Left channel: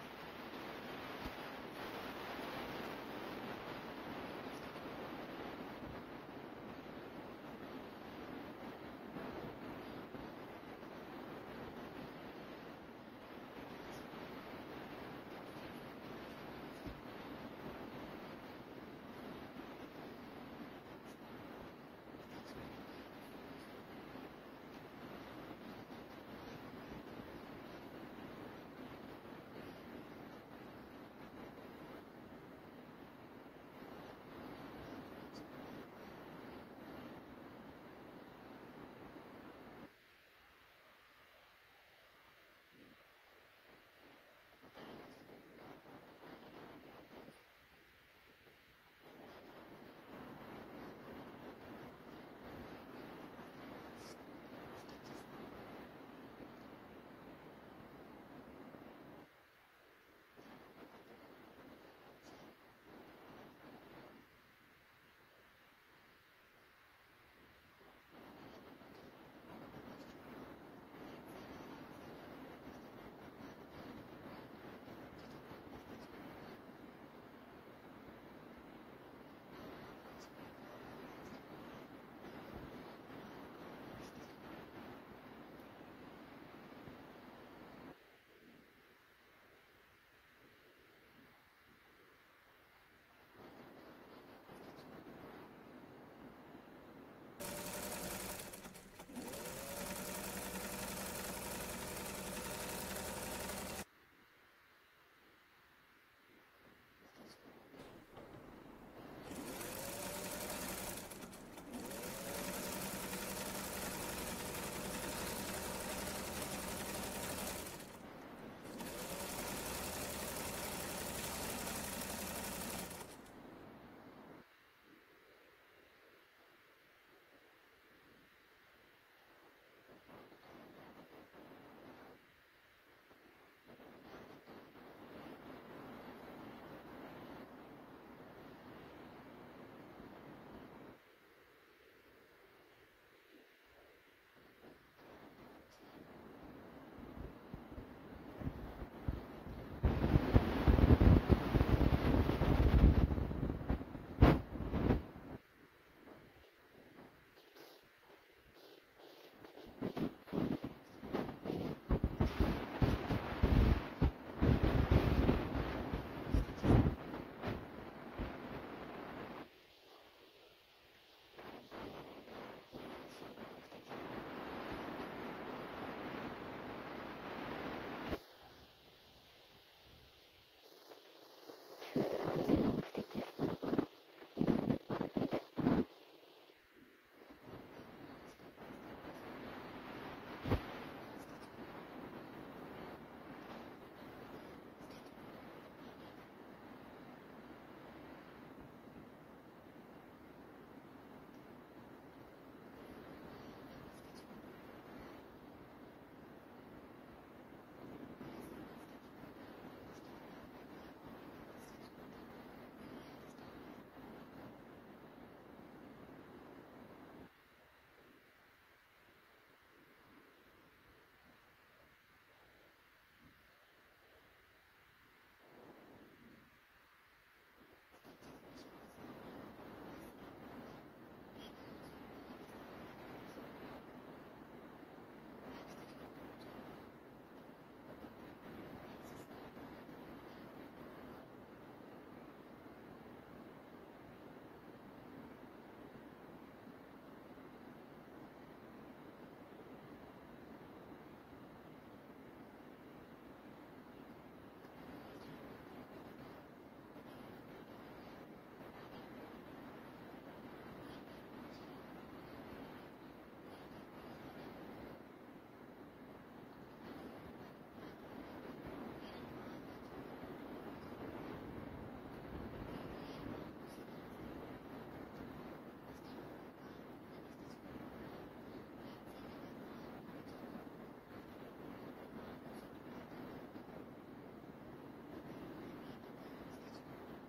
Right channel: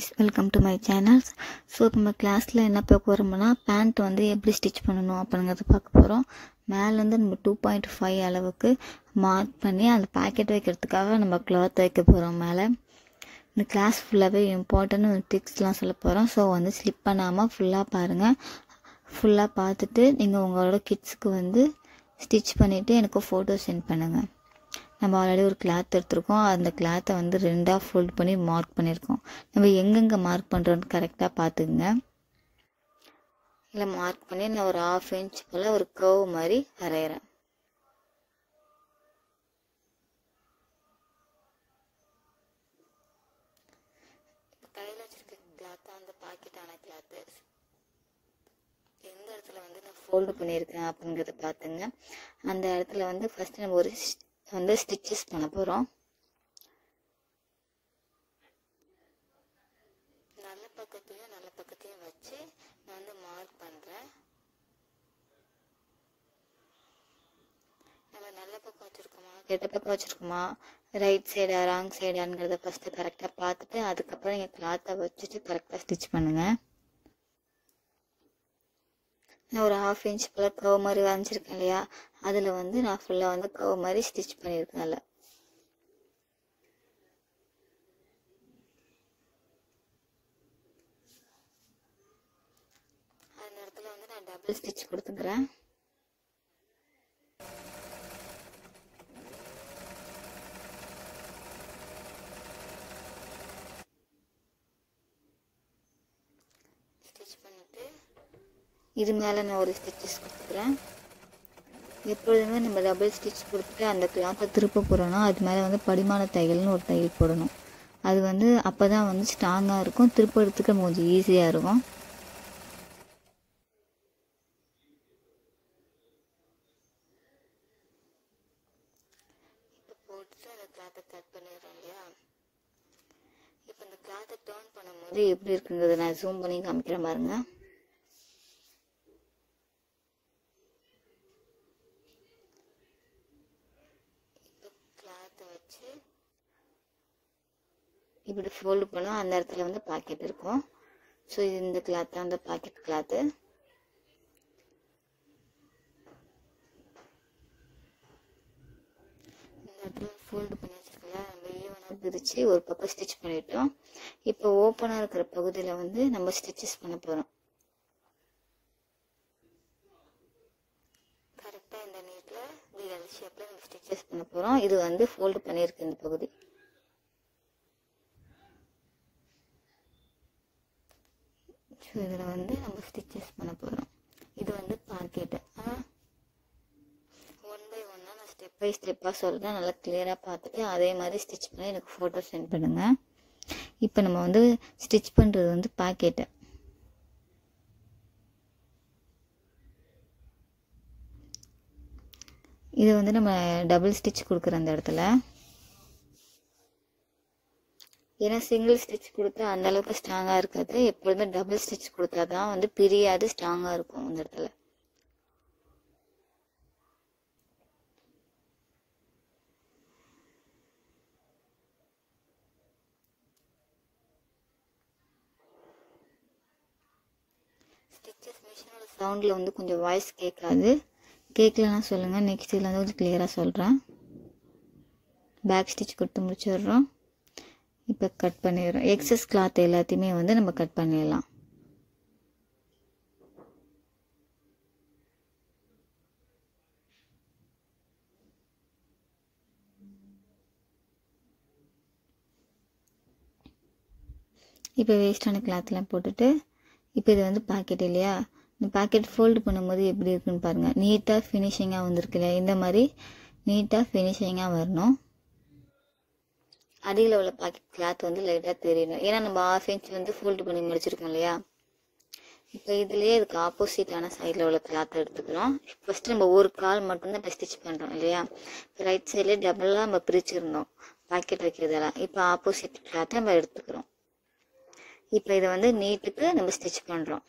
guys, welcome to my channel. So நம்ம கிளாஸில் என்ன பார்க்க போகிறோம்னா பேண்ட் வந்து எப்படி ஸ்டிச் பண்ணணும் அப்படிங்கிறத பார்க்க போகிறோம். மேலேருந்து நம்ம 2.5 அளவுக்கு மார்க் பண்ணி அந்த பேக்கெட் வைக்கிறதுக்காக நம்ம கிளாத் வைக்க போகிறோம். மேலே இந்த கிளாஸ் ஃபுல்லாகவே இம்பார்ட்டன்ட் ஒரு டிப்ஸ்லாம் சொல்ல போகிறோம். ஸோ வந்து ஸ்லிப் பண்ணாமல் ஃபுல்லாக பாருங்கள். ஃபுல்லாக பார்த்துட்டு நீங்கள் உங்களோட கிட்ஸுக்கு வந்து ஸ்டிச் பண்ணிவிட்டு எனக்கு ஃபோட்டோ சென்ட் பண்ணுங்கள். நம்ம ஆல்ரெடி ஒரு கிளாத் எடுத்துருக்கோம். அந்த கிளாத்தை வந்து 2ஆக ஃபோல்ட் பண்ணி மார்க் பண்ணியிருக்கோம். நம்ம எங்கெங்கே மார்க் பண்ணுறோன்னு கரெக்டாக பார்த்துக்குங்க. இல்லை மார்க் பண்ணி நான் ஒரு 1/2 இன்ச் போல் ஒரு கர்வ் மாதிரி வரைகிறேன். கையில் வச்சுருக்க கிளாத்தாக அந்த பாக்கெட்டான கிளாத்து எந்த இடத்துல வந்து நான் ஃபோல்டு பண்ணியிருக்கேன் அப்படிங்கிறத பார்த்துங்க. அந்த இடத்துல வந்து ஃபஸ்ட்டு நம்ம ஒரு வந்து ஸ்டிச்சஸ் பண்ண போகிறோம். நல்ல பக்கத்தையும் வச்சு நான் வந்து மார்க் பண்ணுறேன். நம்ம நல்ல பக்கம் வச்சுருக்கோமா கெட்ட பக்கம் வச்சுருக்கோமா ரைட் சைடா ராங் சைடாங்கிறத ஃபஸ்ட்டு கரெக்டாக பார்த்துட்டு அதுக்கப்புறம் நீங்கள் கிளாத்தை வச்சுட்டு கரெக்டாக ஸ்டிச் பண்ணுங்கள். நான் ஒரு 1/2 இன்ச் போல் கர்வ் மாதிரி வரைஞ்சிருக்கேன் இல்லையா, அதில் வந்து நான் ஃபுல்லாக வந்து கர்வ் மாதிரி ஸ்டிச் பண்ணியிருக்கேன். அதில் அந்த இடத்துல வந்து நான் டபுள் ஸ்டிச் கொடுத்துக்கிறேன். ஸ்டிச் பண்ணிவிட்டு இது மேலே நான் ஒரு ஸ்டிச்சஸ் கொடுக்குறேன். எப்பொழுதுமே நம்ம டபுள் ஸ்டிச் கொடுத்துட்டு அந்த கிளாத்தை திருப்ப போகிறோன்னா அது மேலே வந்து படிமான தையல்னு ஒரு தையல் போடணும். அது வந்து அப்போ தான் வந்து ஸ்ட்ராங்காக இருக்கும், திருப்பறதுக்கு கொஞ்சம் ஈஸியாக இருக்கும். இப்போ போட்டுட்டு அந்த கிளாத்தை கட் பண்ணிடுறோம் இல்லையா. இப்போ இந்த கிளாத்தை டர்ன் பண்ணும்போது எப்படி இருக்குங்கிறத நான் ஜூம் பண்ணி காமிக்கிறேன் பாருங்க. இப்படி ஃபோல்டு பண்ணோம். அந்த இடத்துல வந்து பாக்கெட் இருக்கும். ஸோ இது இந்த கிளாத் தான் அந்த பாக்கெட் கிளாத்து. ஃபோல்டு பண்ணி வச்சுருக்கலாம். வெளியே வந்து பிரித்து ஒரு பக்கம் ஸ்டிச் பண்ணிட்டோம். இப்போ ஓப்பனாக இருக்கிற பகுதியில் வந்து நம்ம ஸ்டிச்சஸ் பண்ண போகிறோம். கரெக்டாக இந்த நீட்டில் இந்த எல் ஷேப்பில் நம்ம ஸ்டிச்சஸ் பண்ண போகிறோம். இது வந்து ஃபோல்டு பண்ணியிருக்கு இந்த பகுதி. இதில் வந்து நம்ம ஸ்டிச்சஸ் பண்ண போகிறோம். இது வந்து பாக்கெட்டு. ஒன் பை ஒன்னாக நான் ஸ்டெப் பை ஸ்டெப்பாக சொல்கிறேன். நல்லா கிளியராக பார்த்துட்டு அதே மாதிரி ஸ்டிச் பண்ணி எனக்கு ஃபோட்டோ சென்ட் பண்ணுங்கள். இப்போ நம்ம வந்து ஸ்டிச் பண்ணுறது வந்து பாக்கெட்டு. இது வந்து நம்ம டபுள் ஸ்டிச் கொடுக்குற அந்த இடத்துல, ஏன்னா சிங்கிள் ஸ்டிச் கொடுத்தா அந்தளவுக்கு ஸ்ட்ராங்காக இருக்காது. எப்பொழுதுமே டபுள் ஸ்டிச் கொடுத்தா தான் வந்து பிரியாது, ஸ்ட்ராங்காக இருக்கும் அந்த இடத்துல. ஸ்டிச்சஸ் மிஷினோட சவுண்டில் வந்து கொஞ்சம் வாய்ஸ் கேட்காது. கேட்கலன்னா சொல்லுங்கள், நெக்ஸ்ட் இதில் வந்து கொஞ்சம் கிளியராக சொல்கிறேன். பேக் ஸ்டிச் கொடுத்து முடிச்சிடுறோம். இப்போ கட் பண்ணிடுறோம். எக்ஸஸ் கிளாத் எல்லாத்தையுமே வந்து நம்ம கட் பண்ணிடலாம். இப்போ வேஸ்டான கிளாத்லாம் போட்டுட்டு இப்போ இது வந்து பாக்கெட் இல்லையா, இந்த பாக்கெட் ஃபோல்டு பண்ணும்போது எப்படி இருக்குன்னு பாருங்கள். நீட்டாக ஃபினிஷிங்காக வந்திருக்கு இல்லையா, இந்த மாதிரி நீட்டாக ஃபினிஷிங்காக வரணும். அடியில் உள்ள பாக்கெட் கிளாத் வந்து லைட்டாக தெரியணும். ஏன்னா நம்ம 1/2 இன்ச் வந்து ஃபோல்டு பண்ணி முடிச்சிருக்கோம் இல்லையா. இப்போ இதுலேயே இதுக்கு ஆப்போசிட்டான சைடில் உள்ள கிளாத்தை எடுத்துக்கிறோம். ஃபஸ்ட்டு நம்ம ஒரு கால் மட்டும்தான் இப்போ ஸ்டிச் பண்ணுறோம் இல்லையா. ரைட் சைட்லேயே டபுளாக நம்ம பிரிச்சுருந்தோம் பாக்கெட் வைக்கிறதெல்லாம். இப்போ ஆப்போசிட் கிளாத்தை நம்ம எடுத்துக்கிறோம். இப்போ இதை வந்து நீட்டுக்கு நம்ம ஸ்டிச் பண்ணுறோம்.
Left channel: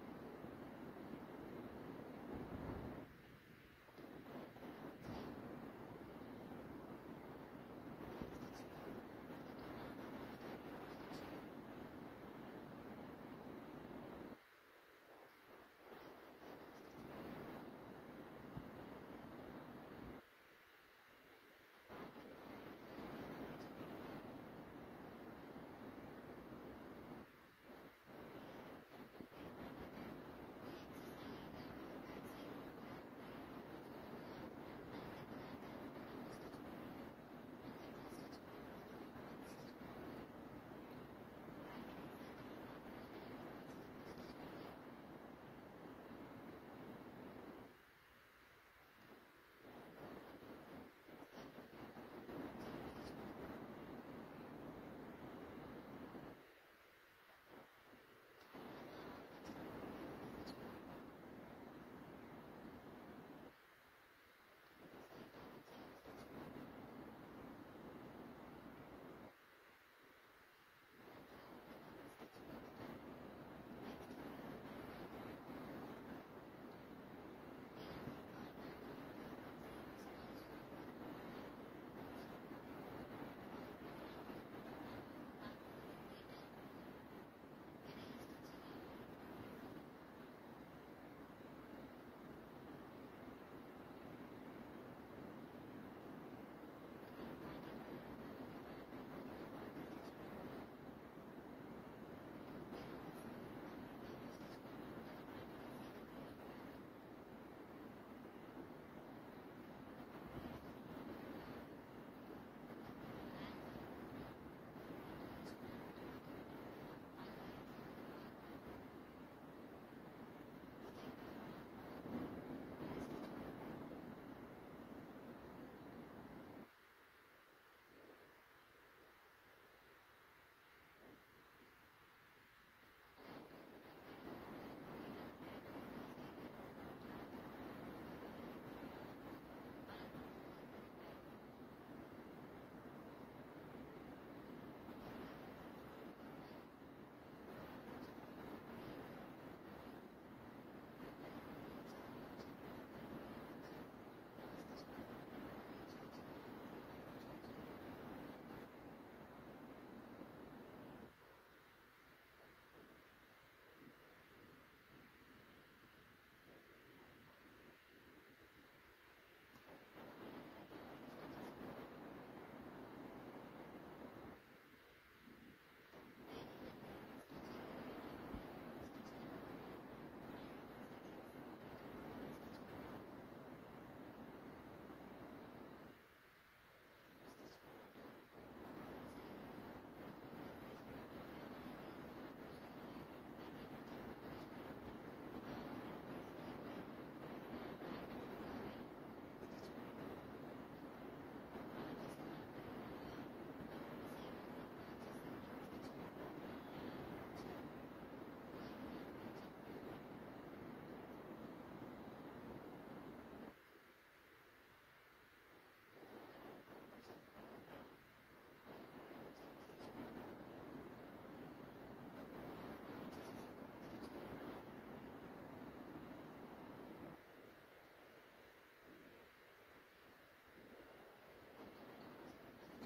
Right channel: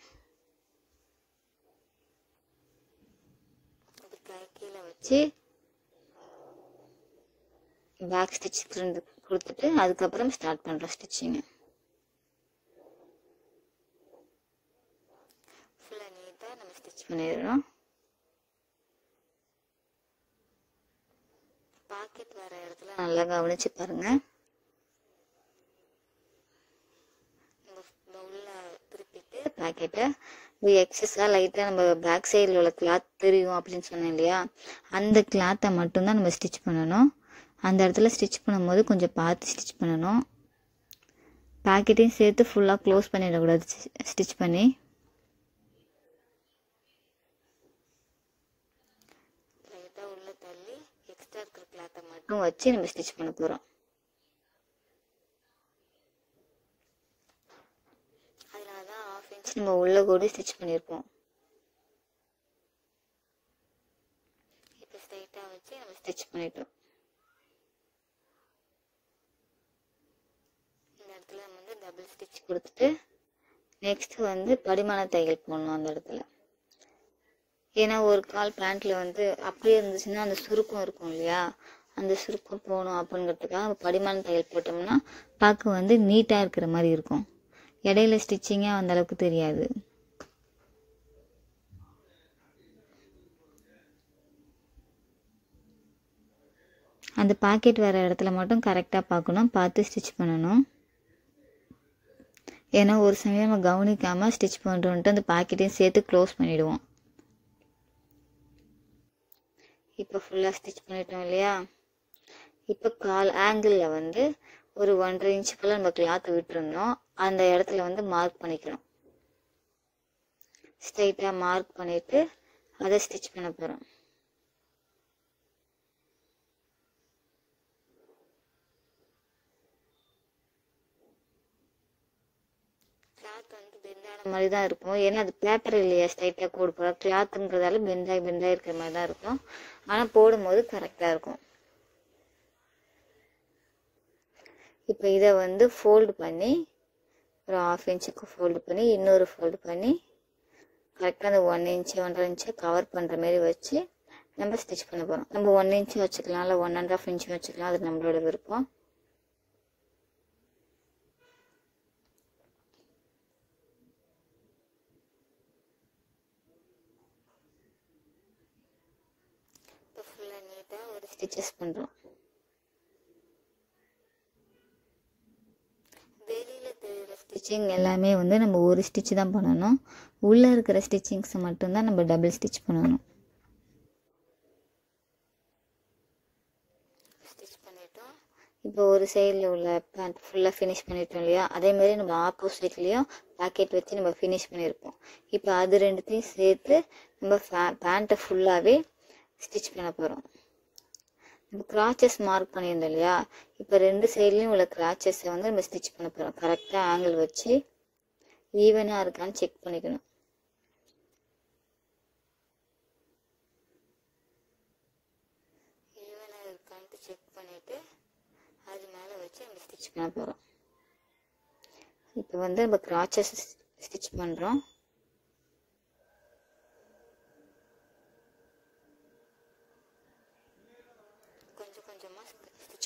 கீழே வச்சு பேக் ஸ்டிச் கொடுத்துட்டு அதுக்கப்புறம் ஸ்டார்ட் பண்ணுறோம் ஸ்டிச்சிங்கு. பண்ணிடுறோம். பாக்கெட் வர இடத்துல நல்லா கவனிச்சு பாருங்க. உள்ள திருப்பிட்டு பாக்கெட்டை எக்ஸஸாக லைட்டாக நம்ம பேக் சைடில் உள்ள கிளாத் தெரியும் அப்படின்னு சொன்னேன் இல்லையா, அந்த கிளாத்தை மட்டும்தான் நம்ம ஸ்டிச் பண்ணணும். அந்த இடத்துல ஸ்டிச் பண்ணும்போது கொஞ்சம் பார்த்து ஸ்டிச் பண்ணணும். பேக்கெட்டையும் சேர்த்து ஃபுல்லாக க்ளோஸ் பண்ணிடக்கூடாது. ஸ்டிச் பண்ணி லைட்டாக உள்ள தள்ளி எக்ஸ்ட்ரா இருக்கிற கிளாத்தை மட்டும் வச்சு நம்ம ஸ்டிச் பண்ண போகிறோம். அதனால தான் 1/2 இன்ச் நம்ம உள்ள கூட ஸ்டிச் பண்ணியிருப்போம். இப்போ ஸ்ட்ரைட்டாக வச்சு நம்ம ஸ்டிச் பண்ணிட்டோம். டபுள் ஸ்டிச் கொடுத்துட்டு நெக்ஸ்ட் வந்து படிமான தையல் போடணும் அந்த இடத்துல. ஏன்னா ஒரு கால் பேண்ட்ல வந்து அப்படியே இருந்துச்சுன்னா அந்த சுருக்கம் இருக்கும் இல்லையா, அந்த சுருக்கம் போகணும் அப்படிங்கிறதுக்காக படிமான தையல் போட்டோம்னா பார்க்க வந்து நீட்டாக இருக்கிற மாதிரி இருக்கும். இடையில ஸ்டிச்சிங்காக அந்த அளவுக்கு தெரியாது. அந்த பாக்கெட் வர இடத்துல மட்டும் கரெக்டாக பார்க்கணும், பார்த்து ஸ்டிச் பண்ணணும். ஏன்னா ஒரு சமயம் நம்ம கவனிக்காமல் ஸ்டிச் பண்ணுறோன்ட்டு அந்த பாக்கெட்டையும் சேர்த்து க்ளோஸ் பண்ணிவிடுவோம். இப்போ ஃபுல்லாக ஸ்டிச் பண்ணிட்டோம் இல்லையா. இப்போ கால் ஆங்கிளில் வந்து ஒரு 1.5 இன்ச்சுக்குள்ளே நம்ம கிளாத்தை விட்டுருந்தோம். அந்த இடத்துல வந்து மார்க் பண்ணிக்கணும். ஸ்ட்ரைட்டாக மார்க் பண்ணிவிட்டு அதை ஸ்டிச் பண்ண போகிறோம். மாதிரி தான் இருக்கும். ஏன்னா அது பேப்பர் இல்லையா, ஸ்ட்ரைட்டாக கோடு போட கிளாத்துங்கிறதால பெண்டாகி இருக்கிற மாதிரி தான் இருக்கும். ஆனால் போடும்போது கரெக்டாக இருக்கும். இப்போ இதை வந்து ஃபோல்டு பண்ணி ஒரு 1/2 இன்ச்சுக்கு ஃபோல்டு பண்ணி இன்னொரு ஃபோல்டு பண்ணி கரெக்டாக அந்த 1 இன்ச்சு 1.5 இன்ச்சை கவர் பண்ணுற மாதிரி வச்சு நம்ம ஸ்டிச் பண்ண போகிறோம். நம்ம 1 இன்ச்சு வச்சுக்கலாம், இல்லை 1.5 இன்ச்சு வச்சுக்கலாம், அது நம்மளோட விருப்பம். ஸ்டிச்சஸ் பண்ணுறோம். வெளியில் தெரிகிற ஸ்டிச்சிங் எல்லாமே வந்து நம்ம ஒரு ஸ்டிச் தான் பண்ணணும். உள்ளே இருக்கிற ஸ்டிச்சிங்ஸை மட்டும்தான் நம்ம டபுள் ஸ்டிச் பண்ணணும். ஸ்டிச் பண்ணிட்டோம். இப்போ ஒரு சைடில் உள்ள பேண்ட் ஃபுல்லாக ஃபினிஷ் பண்ணிட்டோம் இல்லையா, அதேமாதிரி நம்ம ஆப்போசிட்லேயும் பாக்கெட் வச்சு நம்ம ஃபினிஷ் பண்ணியிருப்போம். இப்போ அது ரெண்டுத்தையும் சேர்த்து நம்ம பேண்ட்டை ஃபுல்லாகவே ஸ்டிச் பண்ண போகிறோம். கிராச்சஸ் மார்க் பண்ணியிருந்தோம் இல்லையா, இப்போ 2 சைட்லேயும் உள்ள கிராச்சஸை வந்து நம்ம ஸ்டிச் பண்ண போகிறோம். கரெக்டாக ஆங்கிள் வச்சு ஈவனாக இருக்கான்னு செக் பண்ணிக்கணும். ஈவனாக இருக்கான்ட்டு செக் பண்ணிவிட்டு அது மேலே வச்சு நம்ம ஸ்டிச் பண்ண போகிறோம். இப்போ வந்து நம்ம கிராச்சஸ் ஸ்டிச் பண்ணுறோம்.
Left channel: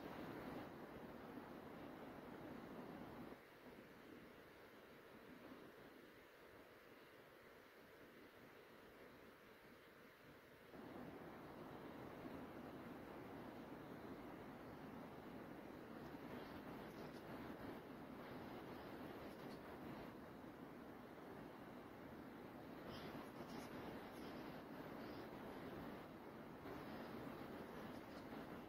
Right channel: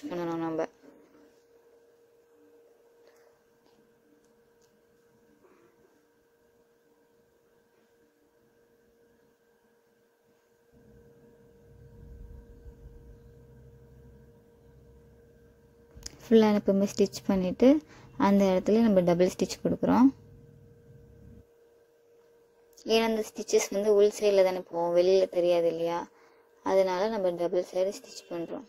பண்ணணும் நம்ம. ஃபுல்லாக எப்பவுமே ஸ்டிச் பண்ணிவிட்டு அந்த இடத்துல நம்ம டபுள் ஸ்டிச் கொடுக்குறோம். ஏன்னா அந்த ஸ்டிச்சஸ் வந்து உள் சைடில் தானே போவோம், வெளியில் தெரியாது இல்லையா, அதனால நம்ம டபுள் சைடு ஸ்டிச் பண்ணுறோம்.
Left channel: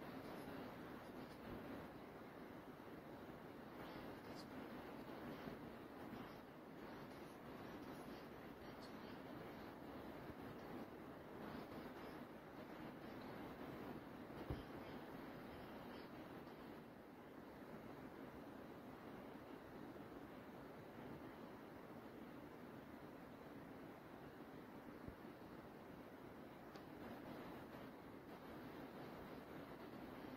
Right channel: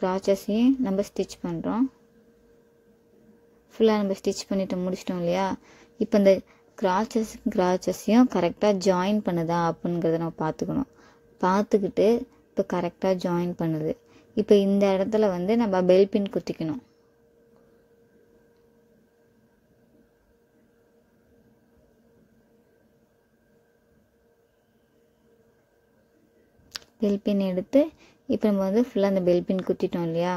கிராச்சஸையும் நம்ம ஸ்டிச் பண்ணுறோம். ஃபுல்லாக நம்ம ஸ்டிச் பண்ணிட்டு முடிச்சிட்டோம் இல்லையா. இப்போ இந்த கிராச்சஸையும் கரெக்டாக ஜாயின் பண்ணுதா அப்படிங்கிறத நம்ம பார்த்துக்கணும். பார்த்துக்கிட்டு இப்போ கரெக்டாக ஜாயின் பண்ணுது. இப்போ இந்த இடத்துல வந்து நம்ம பெல் பின் குத்திக்கணும். பெல் பின் எடுத்து இப்போ நம்ம வந்து ஃபுல்லாக அந்த பெல் பின் குத்திட்டோம் இல்லையா.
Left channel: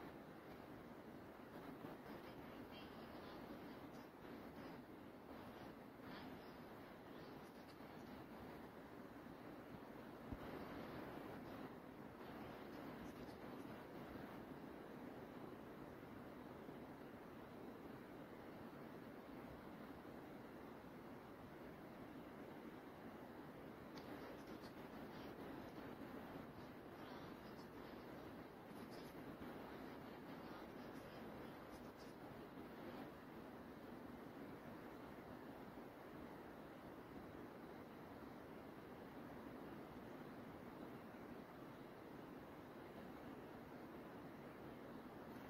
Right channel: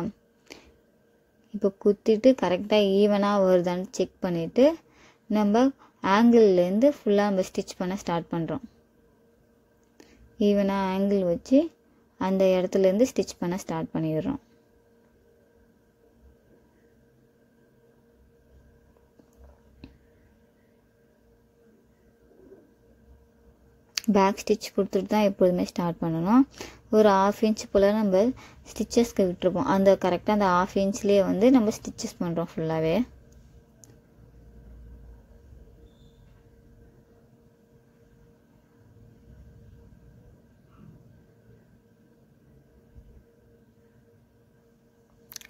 இப்போ குத்திட்டு கரெக்டாக ஈவனாக வருதான்னு செக் பண்ணிவிட்டு நம்ம ஆங்கிள்லேருந்து ஃபுல்லாக நம்ம ஸ்டிச் பண்ண ஸ்டார்ட் பண்ணுறோம். ஈவனாக ஆங்கிள் வச்சு அந்த இடத்துலேருந்து ஸ்டிச் பண்ண ஸ்டார்ட் பண்ணிடுறோம். பேக் ஸ்டிச் கொடுத்துட்டு தான் எப்போதுமே ஸ்டார்ட் பண்ணணும். ஒரு 1/2 இன்ச் போல் நம்ம ஸ்டிச்சஸ்க்கு விட்டுருப்போம். அந்த கரெக்டாக அந்த 1/2 இன்ச்லேயே வந்து நம்ம ஸ்டிச்சஸ் பண்ணுறோம் ஃபுல்லாகவே.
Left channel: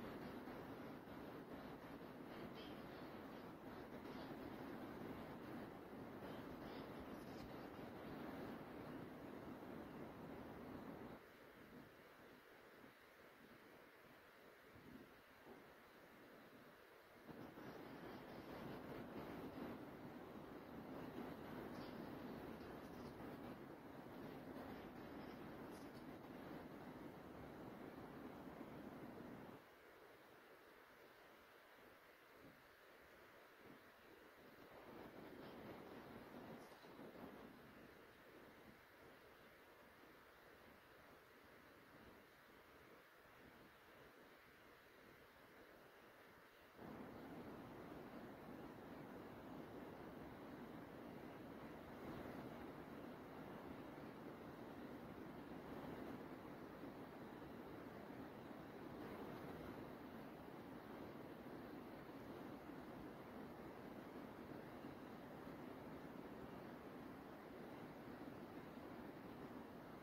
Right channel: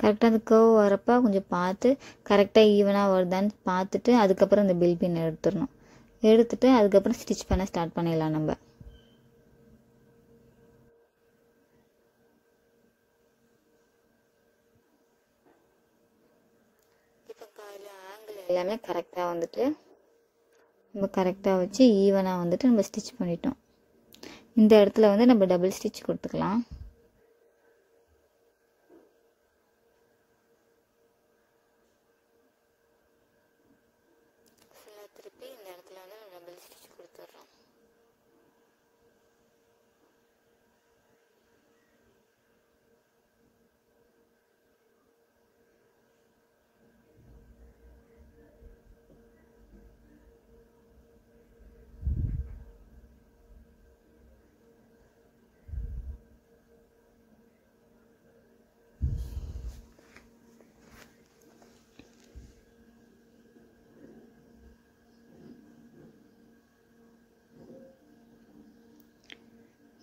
கரெக்டாக அந்த கர்வ் வரப்போ கொஞ்சம் பார்த்து கரெக்டாக ஈவனாக வருதான்னு பார்த்துட்டு அதுக்கப்புறம் இந்த பில் பின் எடுத்துடணும். எடுத்துட்டு அதுக்கப்புறம் ஸ்டிச் பண்ண ஸ்டார்ட் பண்ணிடலாம் நம்ம. இப்போ ஆங்கிள் எல்லாமே கரெக்டாக வந்துட்டு நம்ம கரெக்டாக வச்சு ஈவனாக வந்துட்டு நம்ம ஸ்டிச் பண்ணிட்டோம். இந்த இடத்துல வந்து நம்ம டபுள் ஸ்டிச் கொடுத்துக்கலாம். திருப்பி இந்த இடத்துல வந்து டபுள் ஸ்டிச் கொடுத்துட்றோம்.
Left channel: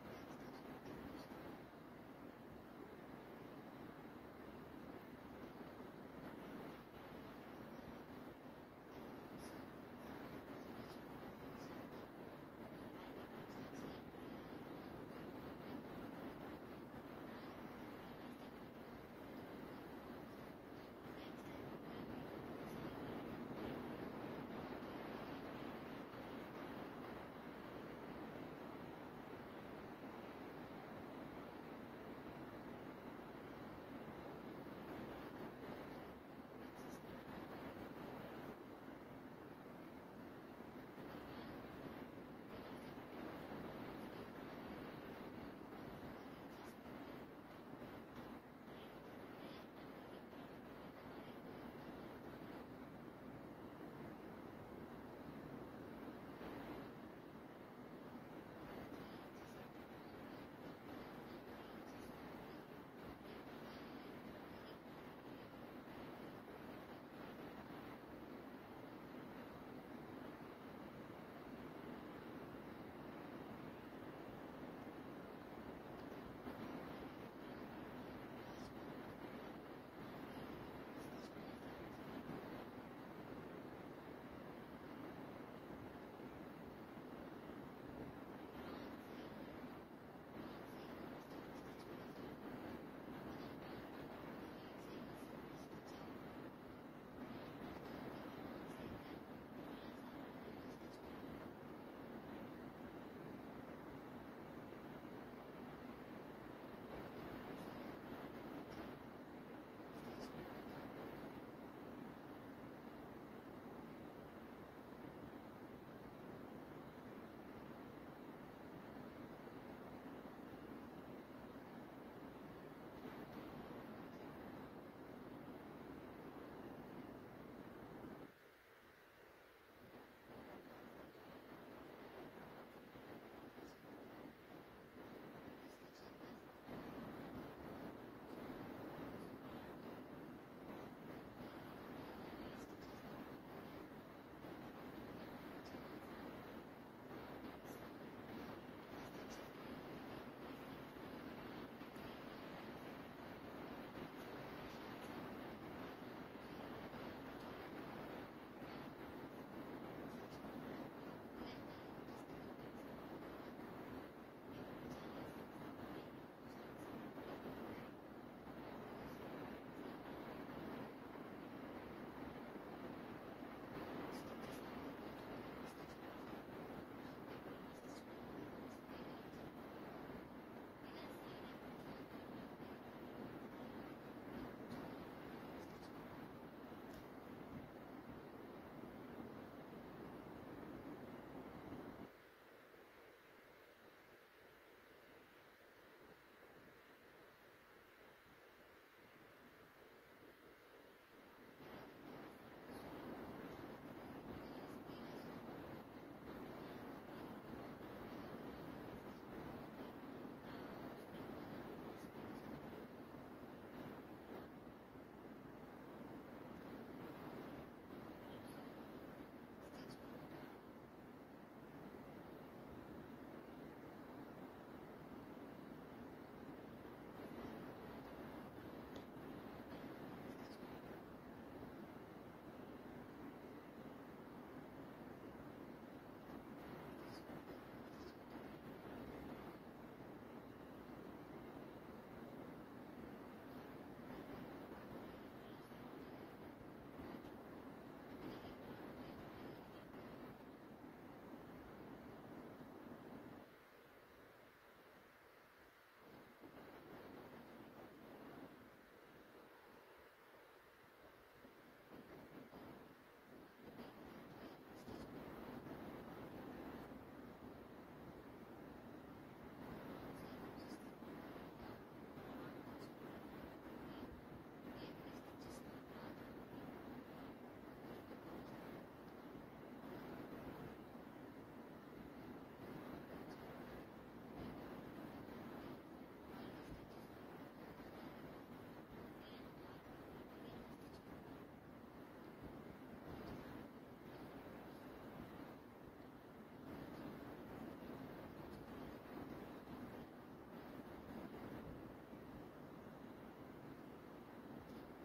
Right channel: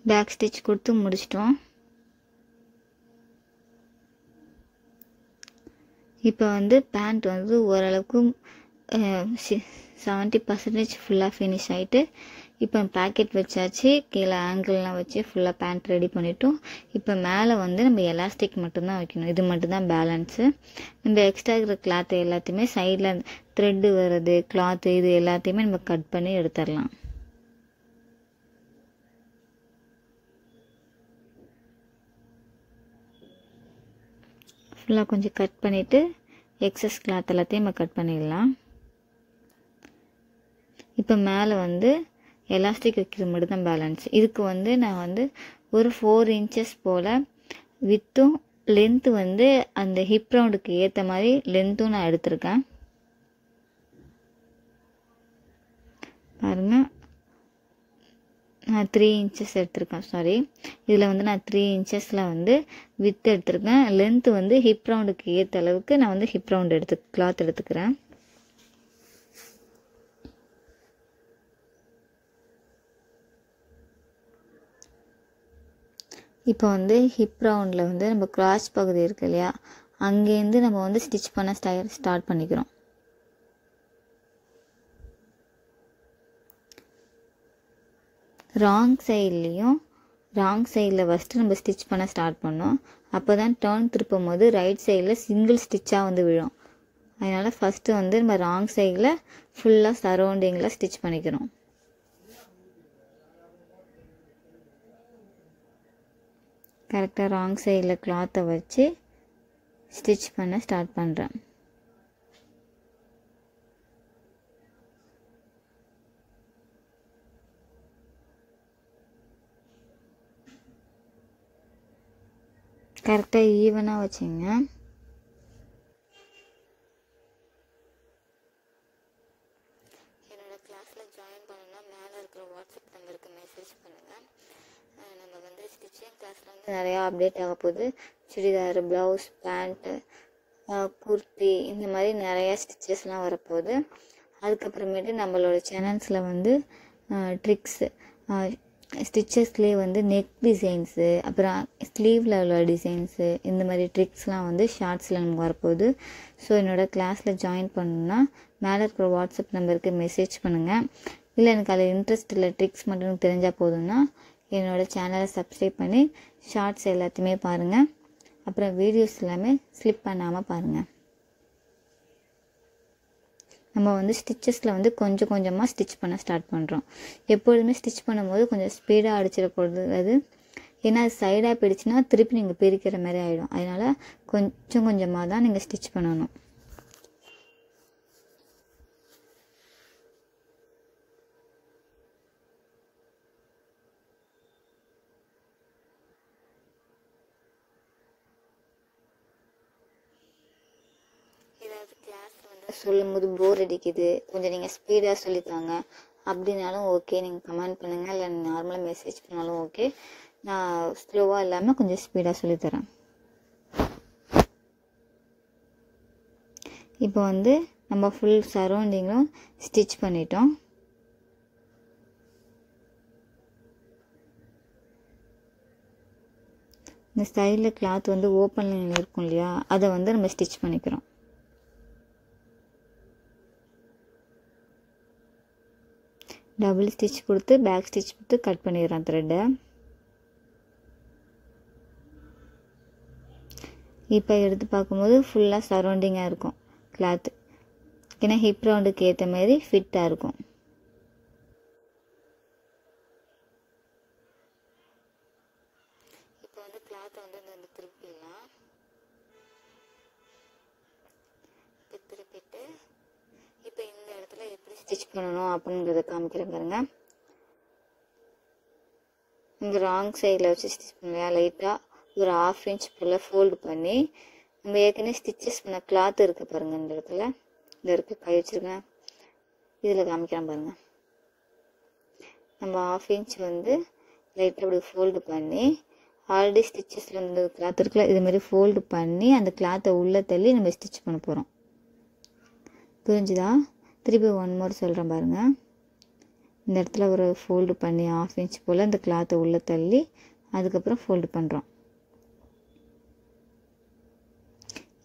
பேக் ஸ்டிச் கொடுத்து முடிச்சிட்டோம். இப்போ வந்து பேண்ட் வந்து ஓரளவுக்கு 70% ஃபுல்லாக ஃபினிஷ் ஆகிட்டு இப்போ பேக்கெட் வச்சாச்சு. கீழே ஆங்கிள்லாம் வச்சு ஃபுல்லாக பேண்ட் ரெடி பண்ணிட்டோம். இப்போ மேலே வந்து நம்ம எலாஸ்டிக் மட்டும்தான் வைக்கணும். இது மட்டும்தான் பேலன்ஸு. நம்ம எக்ஸ்ட்ரா இருக்கிற கிளாத்து எல்லாத்தையுமே சைடில் த்ரெட்டு வர்றது கிளாத்து இது எல்லாத்தையுமே நம்ம கட் பண்ணி எடுத்துடலாம். ஃபுல்லாக கொஞ்சம் கட் பண்ணிவிட்டு எக்ஸஸ் கிளாத் எல்லாத்தையும் நம்ம கட் பண்ணிடலாம். இப்போ மேலே வந்து எலாஸ்டிக் வைக்கிறது மட்டும் தான் பேலன்ஸ். இதுக்கு வந்து நான் வந்து ஒரு 4 இன்ச்சஸ் போல் வித்தும் லென்த்து வந்து அந்த ஹிப் ரவுண்டுக்கு ஏற்ற மாதிரி லென்த்தும் நான் எடுத்திருக்கேன். பாருங்கள், நான் 3 இன்ச்சஸ் எடுத்திருக்கேன். சாரி, இதில் வந்து நான் 3 இன்ச்சஸில் வந்து வித் எடுத்திருக்கேன். லென்த்து வந்து ஹிப் ரவுண்டுக்கு ஏற்ற அளவுக்கு நான் வந்து ஹிப் ரவுண்டு கிளாத் எடுத்துக்கிறேன். இப்போ வந்து ஹிப் ரவுண்டில் வந்து நம்ம கிராஸ் பகுதி இருக்கு இல்லையா, அங்கேருந்து நம்ம வந்து ஸ்டிச் பண்ண ஸ்டார்ட் பண்ணிக்கிறோம். ராங் சைடில் ஃபஸ்ட்டு நம்ம ஸ்டிச் பண்ண ஸ்டார்ட் பண்ணோம். அப்போ தான் டர்ன் திருப்பும் போது ரைட் சைடில் சிங்கிள் ஸ்டிச்சாக வந்து விழும். அதனால் ஃபஸ்ட்டு வந்து நம்ம ராங் சைடில் ஃபுல்லாக சரௌண்டிங்கில் ஸ்டிச் பண்ணிக்கிறோம். கரெக்டாக ராங் சைடில் கிளாத்தை வச்சு ஸ்டிச் பண்ண ஸ்டார்ட் பண்ணுறேன். கரெக்டாக ஈவனாக வச்சுங்க. என்னோடய கிளாஸில் ஜாயின் பண்ணணும்னா மேலே இருக்கிற வாட்ஸ்அப் நம்பருக்கு மெசேஜ் பண்ணுங்கள். நம்ம வந்து ஸ்டிச்சிங் கிளாஸில் வந்து நிறையா அப்டேட் ஆக போகுது. சுடிதார், ப்ளவுஸ், பேண்ட்டு, குர்த்தி இந்த மாதிரி நிறையா ஸ்டிச்சஸ்லாம் வரப்போகுது. அதுக்கப்புறமேட்டு நம்மளோட சேனல்ஸில் வந்து ட்ரிக்ஸு, ஸ்டிச்சஸ்லேயே வந்து நெக் டிசைன்ஸு, அப்புறம் ஸ்லீவில் உள்ள டிசைன்ஸு, இந்த மாதிரி ட்ரிக்ஸ்லாம் வந்து ஷார்ட்ஸில் நமக்கு வரப்போகுது. ஸோ என்னோடய கிளாஸில் ஜாயின் பண்ணணுன்னா மேலே இருக்கிற வாட்ஸ்அப் நம்பருக்கு மெசேஜ் பண்ணுங்கள். இல்லை எனக்கு அதில் இன்ட்ரெஸ்ட் இல்லை, ட்ரிக்ஸ் மட்டும் எனக்கு தெரிஞ்சால் போதும்னா என்னோடய சேனலை சப்ஸ்கிரைப் பண்ணி ஷார்ட்ஸ் எல்லாத்தையுமே பாருங்கள். அப்புறம் வீடியோஸ் எல்லாமே ஸ்லிப் பண்ணாமல் பாருங்கள். நம்ம வந்து ஸ்டிச்சஸில் வந்து கொஞ்சம் கொஞ்சமாக ஸ்டிச் பண்ண ஸ்டார்ட் பண்ணுறோம். எப்பொழுதுமே ஸ்டிச் பண்ணும்போது கொஞ்சம் ஸ்பீடாக அடிச்சிடக்கூடாது. அது ஏன்னா அது சைடாக போயிடுச்சுன்னா திருப்பி நீங்கள் பிரிக்கிற மாதிரி ஆகிடும். அதனால் கொஞ்சம் கொஞ்சமாக தான் நீங்கள் ஸ்டிச் பண்ணணும். சொல்லும்போது போர் அடிக்குது, கொஞ்சம் நீங்கள் ஸ்பீடாக சொல்லித்தாங்க அப்படின்னாலும் ஓகே, நீங்கள் கமெண்ட் பண்ணுங்கள், இல்லை நார்மலாக மெசேஜ் பண்ணாலும் ஓகே. நான் ஸ்லோவாக இல்லாமல் கொஞ்சம் ஸ்பீடாக சொல்லித்தரேன். இப்போ வந்து நம்ம ஃபுல் சரௌண்டிங்கும் ஸ்டிச் பண்ணிட்டோம். இந்த சைடில் கிளாத் வந்து ஓப்பனில் இருக்கும் இல்லையா, அதை வந்து நம்ம ஸ்டிச் பண்ணிக்கிறோம். டபுள் ஸ்டிச் கொடுத்து பேக் ஸ்டிச் கொடுத்து கட் பண்ணிடுறோம் த்ரெட்டை. இப்போ எடுத்து பார்க்கும்போது ஃபுல்லாக சரௌண்டிங்காக இருக்கும் கிளாத்து. ஏன்னா ஹிப் ரவுண்டுக்கு ஏற்ற மாதிரி ஃபிட்டாக இருக்கும். இப்போ வந்து கிளாத்தை வந்து இந்த திருப்பிடலாம். திருப்பிட்டு இப்போ இந்த இடத்துல எப்படி ஸ்டிச் பண்ணணும் அப்படிங்கிறத காமிக்கிறேன் பாருங்க. இந்த ராங் சைடில் வச்சு ஸ்டிச் பண்ணலையா, லைட்டாக ஒரு 1/2 இன்ச் போல் ஃபோல்டு பண்ணி நம்ம ஏற்கனவே ஸ்டிச்சஸ் பண்ண கிளாத் இருக்குது பாருங்கள். இந்த இடத்துல இந்த இருக்க கை வச்சுருக்கேன், இதில் காமிக்கிறேன் பாருங்கள். நம்ம 1/2 இன்ச் வந்து லைட்டாக அப்படி ஃபோல்டு பண்ணி ஆல்ரெடி ஸ்டிச்சஸில் இருந்த கிளாத் இருக்குல்ல, இதுமாதிரி ஃபோல்டு பண்ணி அந்த கிளாத்தை உள்ளே தள்ளி நம்ம ஸ்டிச் பண்ண போகிறோம். புரிஞ்சுதா? திருப்பி 1 மோர் சொல்கிறேன் பாருங்கள். இந்த இடத்துல ஒரு ஃபோல்டு பண்ணி 1/2 இன்ச் போல் இந்த கிளாத்தை உள்ளே தள்ளி அதுக்கப்புறம் ஃபோல்டு பண்ணுறோம்.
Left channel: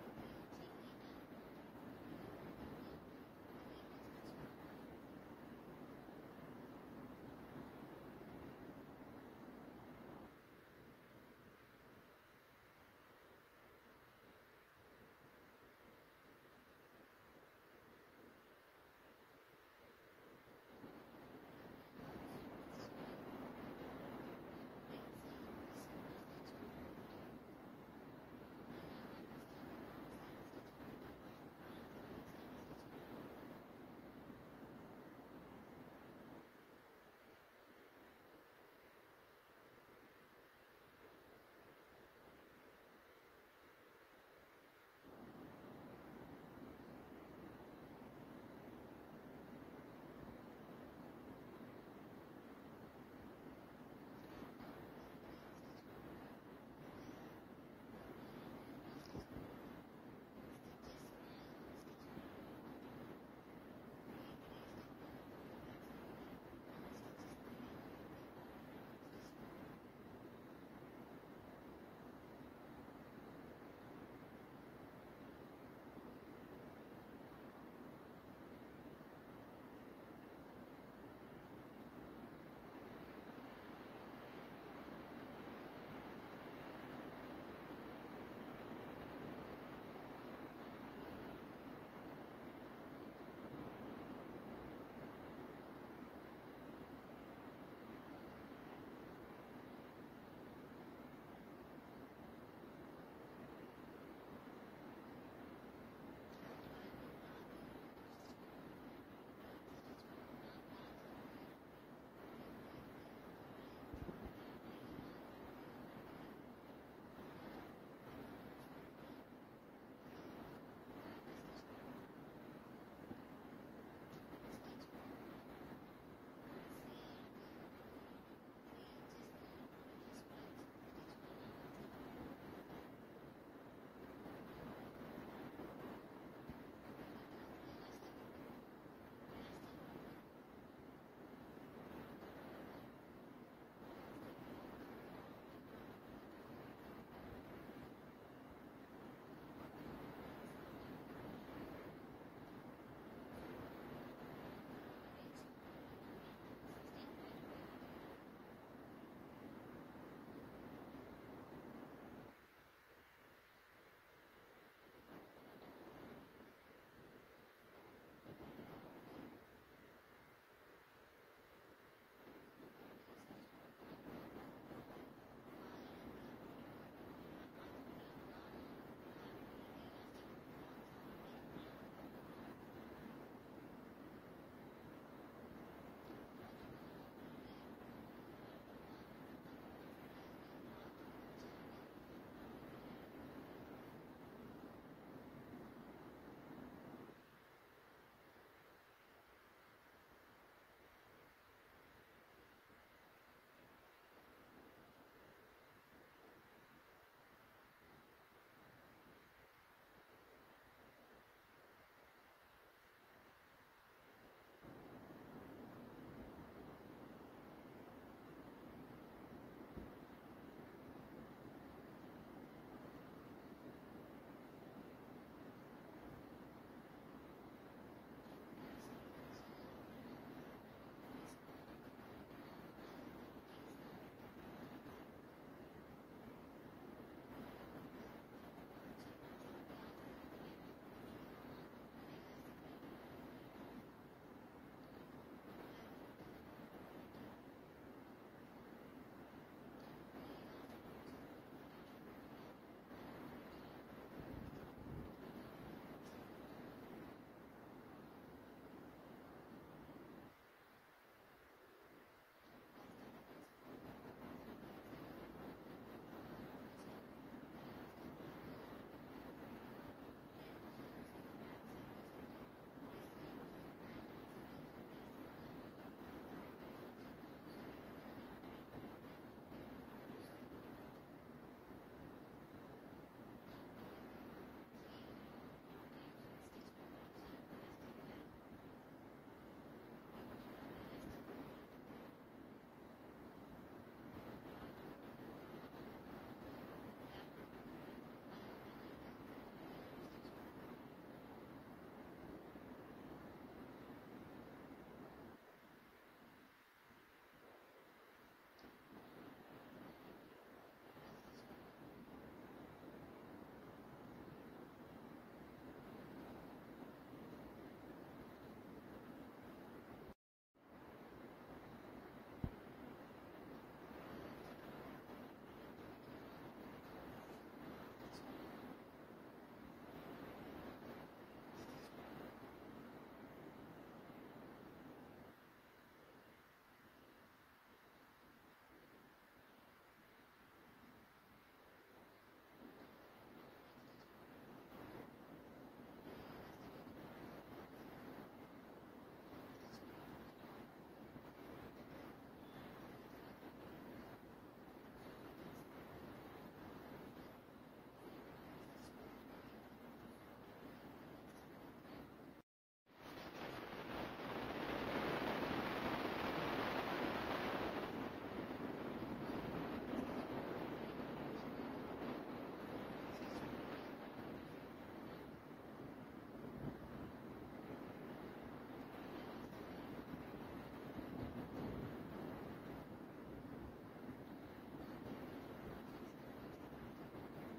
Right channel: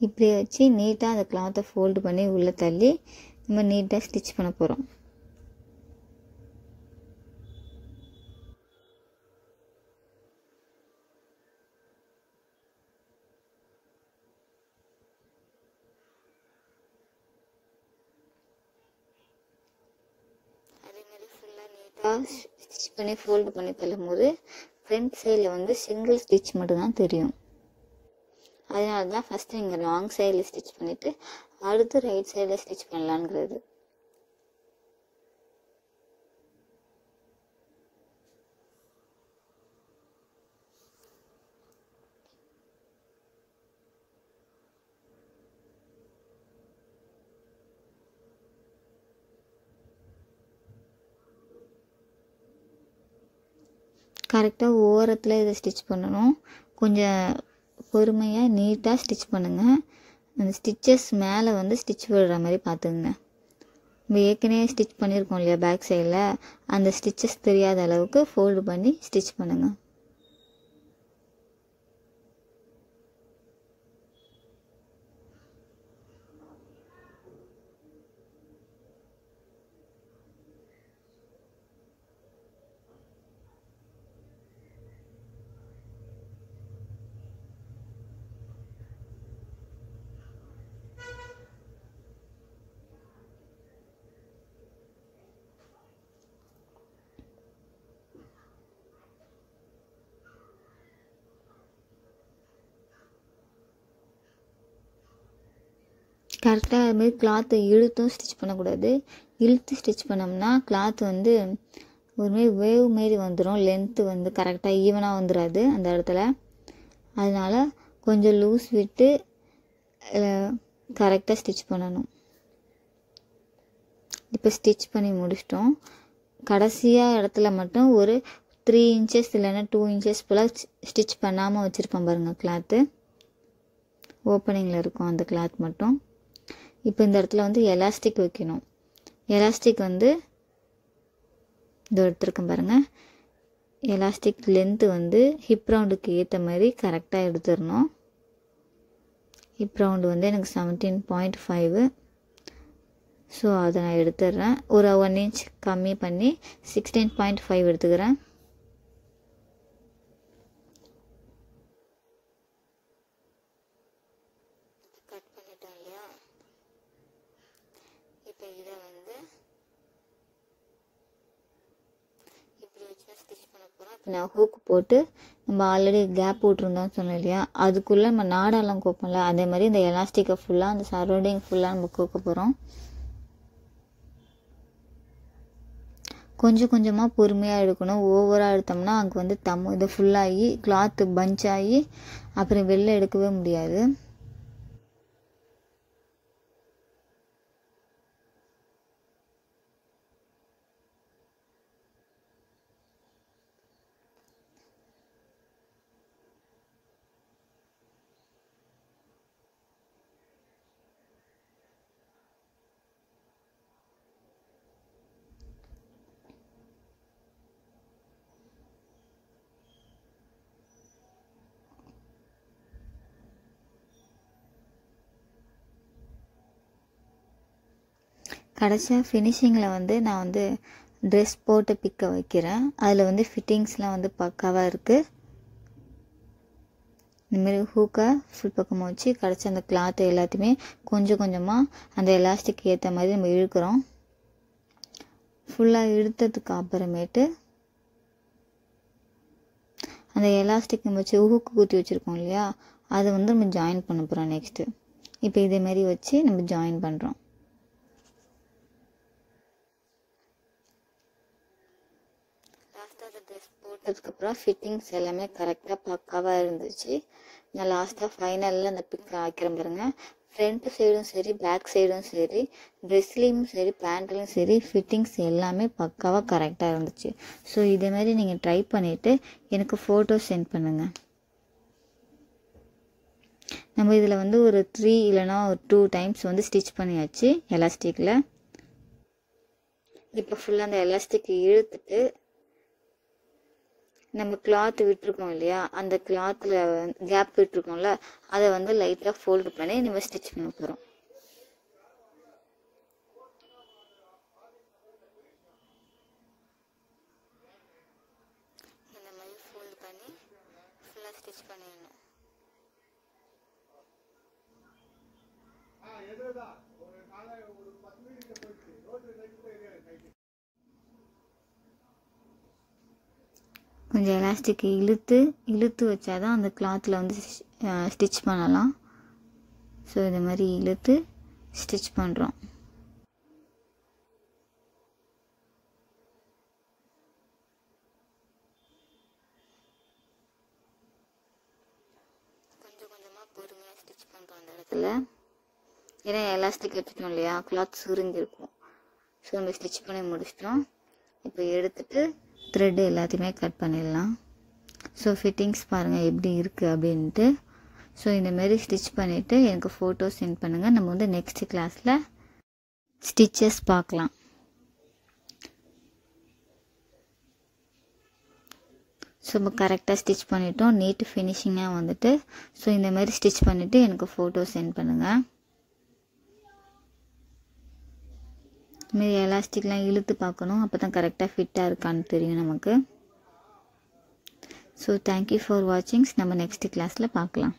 இப்படி வச்சு நீட்டாக அந்த கிளாத்தை ஃபோல்டு பண்ணி உள்ளே தள்ளி நம்ம நீட்டாக ஸ்டிச் பண்ண போகிறோம். ஸ்டிச் பண்ணி ஃபோல்டு பண்ணி தள்ளும் போது ஃப்ரண்ட் சைடில் வந்து சிங்கிள் ஸ்டிச் மட்டும்தான் தெரியும். அதனால தான் ஃபஸ்ட்டு நீங்கள் ராங் சைடில் ஸ்டிச் பண்ணிவிட்டு அடுத்து ரைட் சைடில் ஸ்டிச் பண்ணலான்ங்கிறது. கரெக்டாக ஓரத்தில் இதை ஸ்டிச் பண்ணணும். கொஞ்சம் பொறுமையாக நீட்டாக ஸ்டிச் பண்ணுங்கள். அந்த ஸ்டிச்சஸ் மேலே வந்து ஸ்டிச் விடுற மாதிரி பார்த்துக்குங்க. நம்ம ஏற்கனவே ஸ்டிச் பண்ணியிருக்கோம் இல்லையா பேக் சைடில், அந்த ஸ்டிச்சஸ் தெரியாத அளவுக்கு ஃபோல்டு பண்ணி ஸ்டிச் பண்ணுங்கள். கரெக்டாக அதுமாரி கிளாத்தை இழுத்தும் ஸ்டிச் பண்ணக்கூடாது. இழுத்து ஸ்டிச் பண்ணோம்னா கிளாத் வந்து ஒருமாரி வேவ் மாரி வந்துடும். லென்த்து வந்து கரெக்டாக ஈவனாக வந்துடாது அந்த இடத்துல. அதனால் கொஞ்சம் லூஸ் விட்டு கரெக்டாக ஸ்டிச் பண்ணணும். இப்போ ஸ்டிச் பண்ணி முடிச்சிட்டோம். கடைசியாக இடத்துல மட்டும் ஒரு 3 இன்ச்சஸ் இல்லைன்னா 2 இன்ச்சஸ் போல் ஸ்டிச் பண்ணாமல் வச்சுருப்பேன் பாருங்கள். கிளாத்து ஓப்பனிங்கில் இருக்கும் அந்த கிளாத் மட்டும். இப்போ இந்த இடத்துல வந்து எலாஸ்டிக் வைக்கணும். எலாஸ்டிக் வந்து இந்த எடுத்துருக்கேன் பாருங்கள். எலாஸ்டிக் லென்த்து வந்து ஹிப் ரவுண்டுக்கு ஏற்ற மாதிரி கரெக்டாக எடுத்துடணும். ஹிப் ரவுண்டு வந்து எனக்கு 17.5. ஸோ அதை நான் எடுத்துடுறேன். ஒரு 1 இன்ச் கம்மி பண்ணி 16.5 எடுத்துக்கிறேன். கட் பண்ணிட்டோம் இல்லையா? இப்போ இதை வந்து இப்படி வச்சு ஸ்டிச் பண்ண போகிறோம். இப்போ நான் ஹூக் போட்டு நம்ம ஆல்ரெடி கேப் விட்ருந்தோம்னு சொன்னோம் இல்லையா, அதுக்குள்ளே நம்ம நாடெல்லாம் கோப்போம்ல, அதே மாதிரி இந்த எலாஸ்டிக்கை ஃபுல்லாக அந்த சரௌண்டிங் ஃபுல்லாக நம்ம கோக்க போகிறோம். கொஞ்சம் கொஞ்சமாக பொறுமையாக எடுக்கணும். ஓவராக எடுத்தோம்னா அங்கே வந்து இது ஃபுல்லாகி கிளாத்து பஞ்ச் ஆகி அப்புறம் வெளில எடுக்கவே முடியாது. கடைசியாக ஃபினிஷிங்கில் வந்து நான் வந்து ட்ரெஸ் போட்டு பிக்க வைக்கிறேன். அதில் வந்து ஃபிட்டிங்ஸ்லாம் வந்து பக்காவாக இருக்குது. இந்தமாரி ஹூக்கை ஃபுல் பக்கமாக வச்சு கடைசி அந்த கிளாத்தை எல்லாத்தையுமே கொஞ்சம் கொஞ்சமாக அந்த எலாஸ்டிக் ஏற்ற மாதிரி நம்ம இழுக்கிறோம். ஃபுல்லாக இழுத்ததுக்கு அப்புறமேட்டு அந்த எலாஸ்டிக் நம்ம வச்சு ஹூக்கு குத்தி வச்சுருக்கோம் இல்லையா, அதை வந்து நம்ம ஜாயின் பண்ண போகிறோம் நெக்ஸ்ட்டு. இப்போ இதேமாரி வச்சு நம்ம ஜாயின் பண்ணுறோம். லாஸ்ட்டாக அந்த ட்ரெஸ் போட்டதுக்கப்புறம் ஃபிட்டிங்ஸ் எல்லாமே கரெக்டாக பக்காவாக இருந்துச்சு. நான் லாஸ்ட்டாக ஃபைனலில் அந்த பிக் வைக்கிறேன் பாருங்க. ஃப்ரண்ட்டு சைடும் சரி, பேக் சைடும் சரி, ட்ரெஸ்லேயும் சரி, பேண்ட்லேயும் சரி, ஃபிட்டிங்ஸ் எல்லாமே பக்காவாக கரெக்டாக இருந்துச்சு. ஸோ இதேமாரி நீங்கள் ட்ரை பண்ணிவிட்டு எனக்கு ஃபோட்டோ சென்ட் பண்ணுங்கள். நம்ம இதில் வந்து ஒரு 3 இல்லைனா ஒரு 2 டைம்ஸ் வந்து ஸ்டிச் பண்ணியாச்சு எலாஸ்டிக்கில். இப்போ ஃபுல்லாக அந்த எலாஸ்டிக் இழுத்துட்டு நம்ம கிளாத் விட்டுருக்கோம் இல்லையா, அந்த கிளாத்தில் கேப் விட்டுருக்கோம்ல, அதை வந்து லைட்டாக ஃபோல்டு பண்ணி நம்ம ஸ்டிச் பண்ண போகிறோம். இந்த மாதிரி ஃபோல்டு பண்ணி ஃபுல்லாக ஸ்டிச் பண்ணிடணும். கொஞ்சம் எலாஸ்டிக் இழுத்து வச்சாதான் அந்த கிளாத்தில் வந்து ஸ்டிச் பண்ணலாம். ஸோ இது மாதிரி இழுத்து ஸ்டிச் பண்ணுறோம். கொஞ்சம் கொஞ்சமாக பொறுமையாக ஸ்டிச் பண்ணுறோம் அந்த இடத்துல. ஏன்னா எலாஸ்டிக் வச்சுட்டோம் இல்லையா, கிளாத் சுருங்கிருக்கும். ஸோ நம்ம ஸ்டிச் பண்ணி முடிச்சிட்டோம். இப்போ எடுத்துட்டு த்ரெட்டு எல்லாத்தையுமே கட் பண்ணிடலாம். ஸோ ஃபிட்டிங்ஸ் பாருங்கள் எப்படி இருக்குது அப்படின்ட்டு. ஸோ இந்தமாரி ஸ்டிச் பண்ணிவிட்டு எனக்கு ஃபோட்டோ சென்ட் பண்ணுங்கள். நம்ம வந்து நெக்ஸ்ட் கிளாஸில் ஸ்டிச்சஸ் பார்க்கலாம். ஸோ இப்போ கரெக்டாக ஸ்டிச் பண்ணிட்டோம். நீட்டு ஃபினிஷிங்காக வந்துட்டு. ஸோ இந்தமாரி ஸ்டிச் பண்ணிவிட்டு எனக்கு ஃபோட்டோ சென்ட் பண்ணுங்கள். இதுமாரி எலாஸ்டிக்லாம் இழுத்து பார்க்கணும், அப்போ தான் கரெக்டாக ஃபிட்டாக இருக்கான்னு தெரியும் நமக்கு. So thank you for வாட்சிங்ஸ். நம்ம நெக்ஸ்ட் கிளாஸில் பார்க்கலாம்.